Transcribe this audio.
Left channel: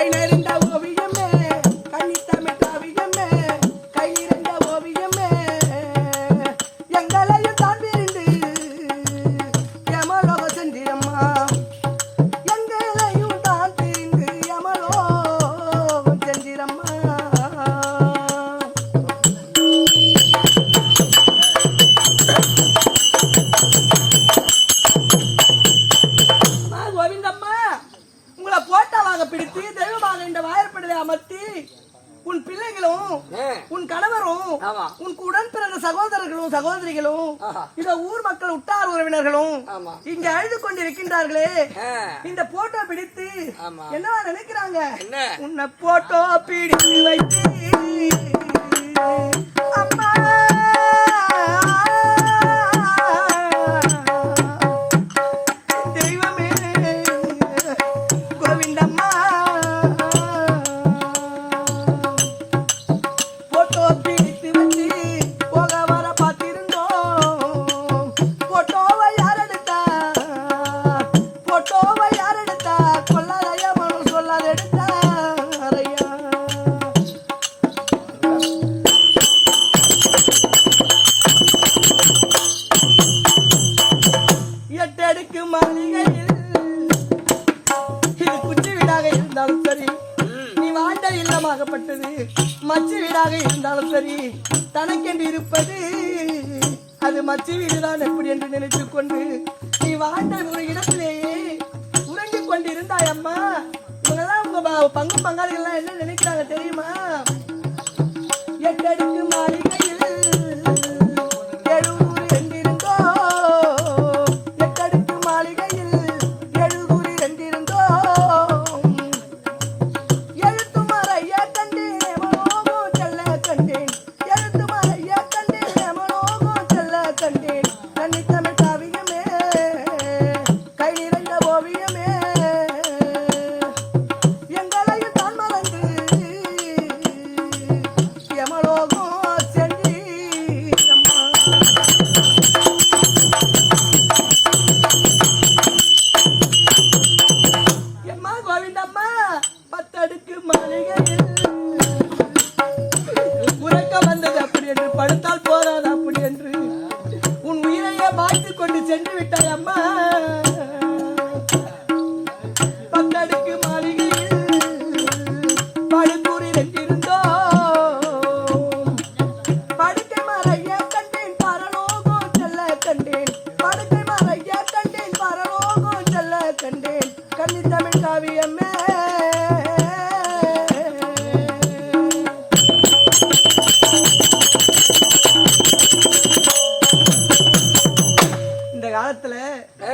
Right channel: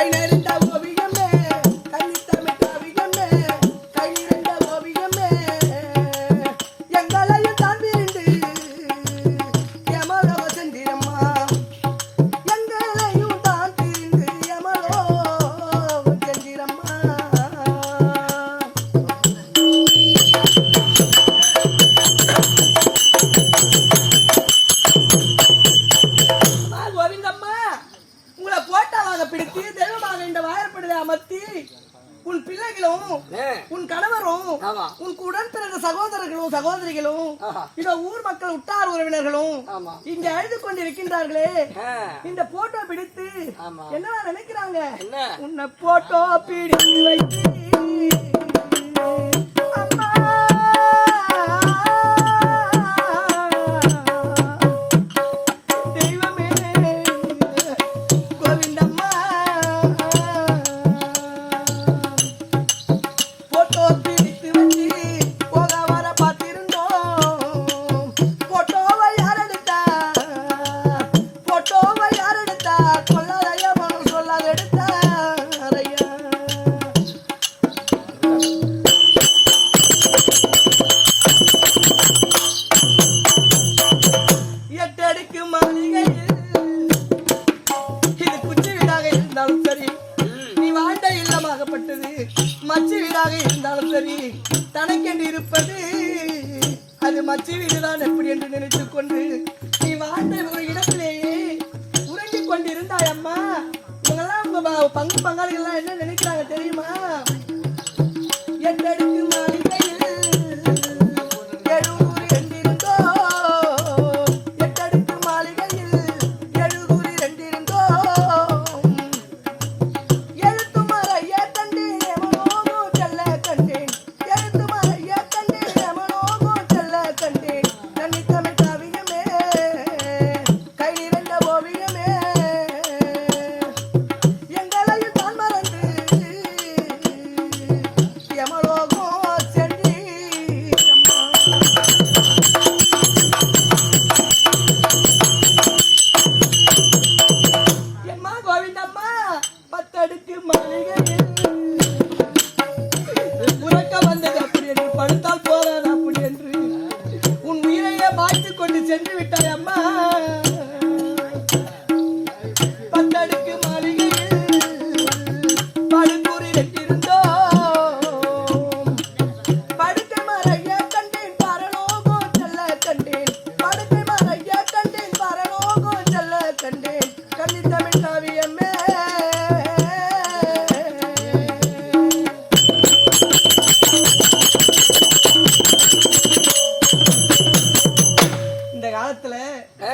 Hey, போட்டாவாக பிடித்து தெய்வமாக இந்த வாயற்படுதை அமர்த்தி உன் பிள்ளைகளும் உன் கணவரும். உன் உடன் பிறந்த சகோதரர்களும் சகோதரிகளும். இதோ ஊர் மக்கள் உட்டார் உறவினர்களும். இங்க அழுது கொண்டிருக்கின்றார்களே. இந்த போட்டோ பிடித்து. என்னவா நினைக்கிறாங்க? உன்னை போட்டோ பிடித்து வைத்து இல்லமாகப்பட்டது மச்சு வீடாக இருந்தாலும் சரி தனக்கென்று இருப்பது. அது மச்சு வீடுதான் எப்படி என்று நினைத்துக் கொண்டு நீ வாழ்ந்த ஒரு இடத்திலேயே உறங்கிக் கொண்டிருந்தாய் அம்மா. இவங்கெல்லாம் உங்க பங்கு பங்காளிகள்லாம் என்ன நினைக்கிறாங்க தெரியுமா? படுத்தால் போதாது அப்படி என்று உன் உயிரையே மாய்த்து கொண்டு சென்று விட்டாய் அம்மா. பத்தடுக்கு மாளிகையில் படுக்கூறி ரெண்டிருந்தோம் படுக்கை மறைய கண்டேன் பரலோகோ செல்ல கண்டேன். படுக்கை மறைய கண்டேன் பரலோகோ செல்ல கண்டேன். கண்ணி தமிழ் காவியம்